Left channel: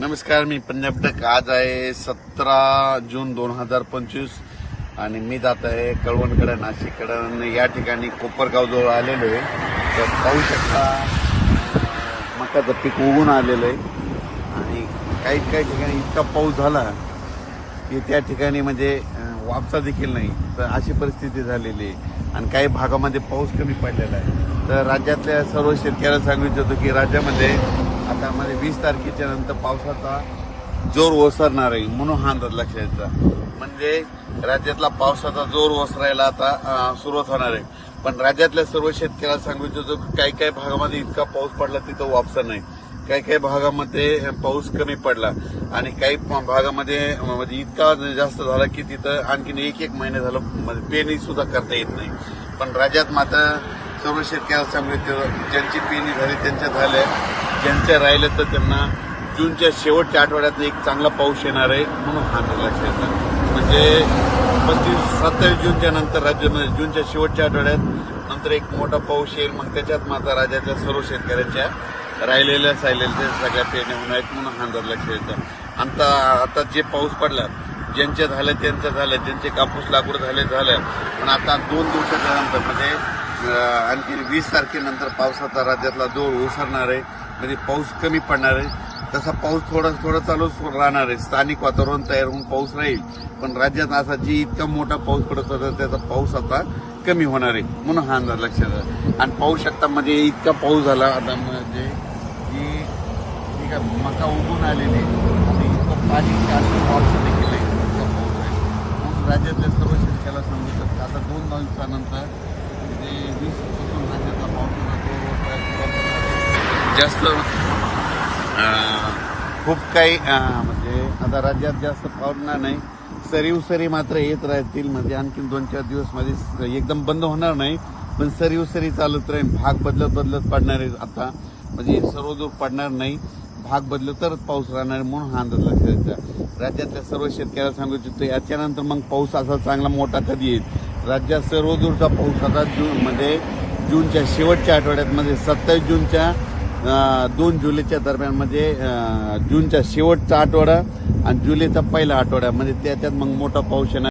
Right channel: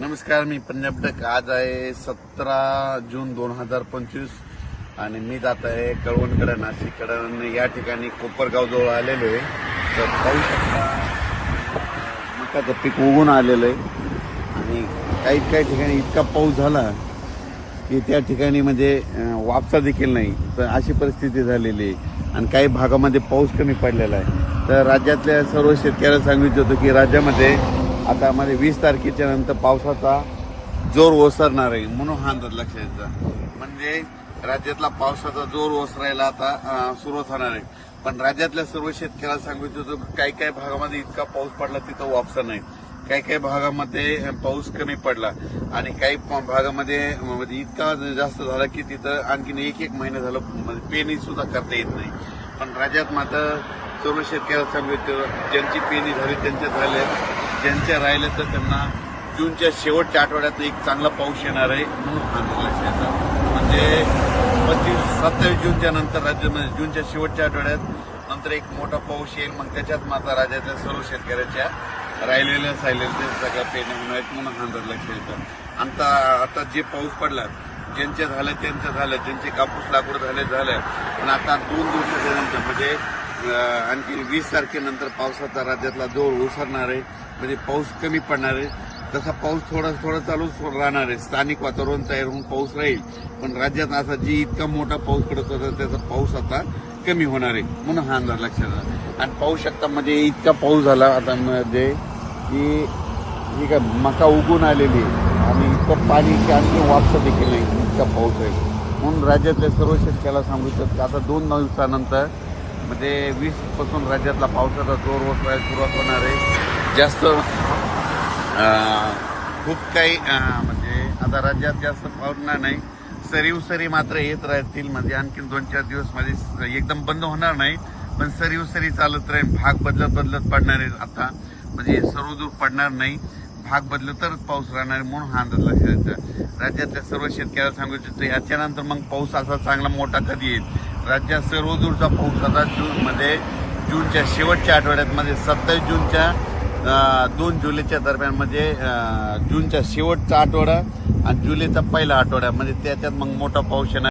नमस्कार, मी पंजाब डक. आज आहे 17 जून 2025 आणि मी जात आहे कळवणकडे, नाशिककडे. या ठिकाणी कोपरगाव जवळ आलेलो आहे. तर पाहू शकता मकाचं पीक उगून आलेलं आहे आणि काही ठिकाणी इतका पाऊस झाला की त्या ठिकाणी म्हणजे वापसा देखील नाही. तर अशी परिस्थिती झालेली आहे आणि काही भागामध्ये पाऊस कमी पडलेला आहे. तर राज्यातल्या सर्व शेतकऱ्यांना सांगितलं होतं की राज्यामध्ये आता म्हणजे 20 तारखेच्या नंतर पावसाचा जोर ओसरणार आहे, म्हणून हा अंदाज लक्षात. म्हणजे राज्यातला पावसाचा जोर ओसरायला आता सुरुवात होणार आहे. पण राज्यातल्या सर्व शेतकऱ्यांना सांगितलं होतं काही भागामध्ये इतका पाऊस पडला तिथं वापसा नाही, काही भागामध्ये पाऊस कमी पडला आणि काही भागामध्ये म्हणजे इतका जास्त झाला की तिथं आणखीन एक महिना झालं म्हणजे पेरणी सुद्धा करता येत नाही. पण राज्यात मात्र सर्व शेतकऱ्यांना सांगितलं ज्यांची पेरणी झाली त्यांच्या झाल्या, ज्यांच्या राहिलं तर त्यांना जूनच्या शेवटच्या आठवड्यात एक चांगला पाऊस येणार आहे, म्हणून हा लक्षात. म्हणजे 27 जूनच्या नंतर राज्यामध्ये जूनच्या शेवटच्या आठवड्यात नंतर एक मोठा पाऊस येईल. मग त्याच्यात मात्र राज्याच्या सर्व शेतकऱ्यांच्या राहिलेल्या सगळ्या पेरण्या होणार आहेत, म्हणून हा अंदाज लक्षात. आता जे पाऊस पडला ज्यांच्या झालं त्यांचं झालं, ज्यांचे कापूस लाकूड झालं. पण आता 2 दिवसाच्या नंतर म्हणजे आणखी 20 तारखेनंतर पावसाचा राज्यातला जोर ओसरणार आहे. म्हणजे पाऊस कमी पडणार आहे. तसा पाऊस थोडा चालूच राहणार आहे. स्थानिक वातावरण तयार होऊन पाऊस राहील. पण राज्यात असा जी इतका मोठा पाऊस पडत होता त्याचा पाऊस आता कमी होणार आहे, म्हणून हा अंदाज लक्षात. आणि पाहू शकता मध्ये इतका पाऊस झाला आता मध्ये की ठीक आहे मका उगून आलेली आणि इतकं पाणी आणखी वापसा देखील इतका पाऊस आहे. म्हणून राज्यातल्या सर्व शेतकऱ्याला सांगू शकतो आता 2 दिवसानंतर म्हणजे 20 पासून राज्यातला पावसाचा जोर ओसरायला सुरुवात होणार आहे. जास्त खूप काही म्हणजे आता राज्यात जास्त पडणार नाही. सरी मात्र येत राहतील. म्हणजे आणखी 2-4 दिवस मध्ये एकदम बंद होणार नाही, पण सरी चालत राहील. भाग बदलत पडणार आहे. आता म्हणजे सर्वदूर पडणार नाही, भाग बदलत तरच पाऊस राहणार आहे, म्हणून हा अंदाज लक्षात. राज्यातल्या सर्व शेतकऱ्याला सांगू इच्छितो याच्यानंतर मग पाऊस असा चांगला मोठा कधी येईल. राज्यात सर्वदूरचा पाऊस आता जूनच्या शेवटच्या आठवड्यात म्हणजे 27 जूनच्या 2 जुलैच्या दरम्यान म्हणजे जूनच्या शेवटचा आठवडा आणि जुलैचा पहिला आठवडा म्हणजे त्याच्यात मग मोठा पाऊस येणार.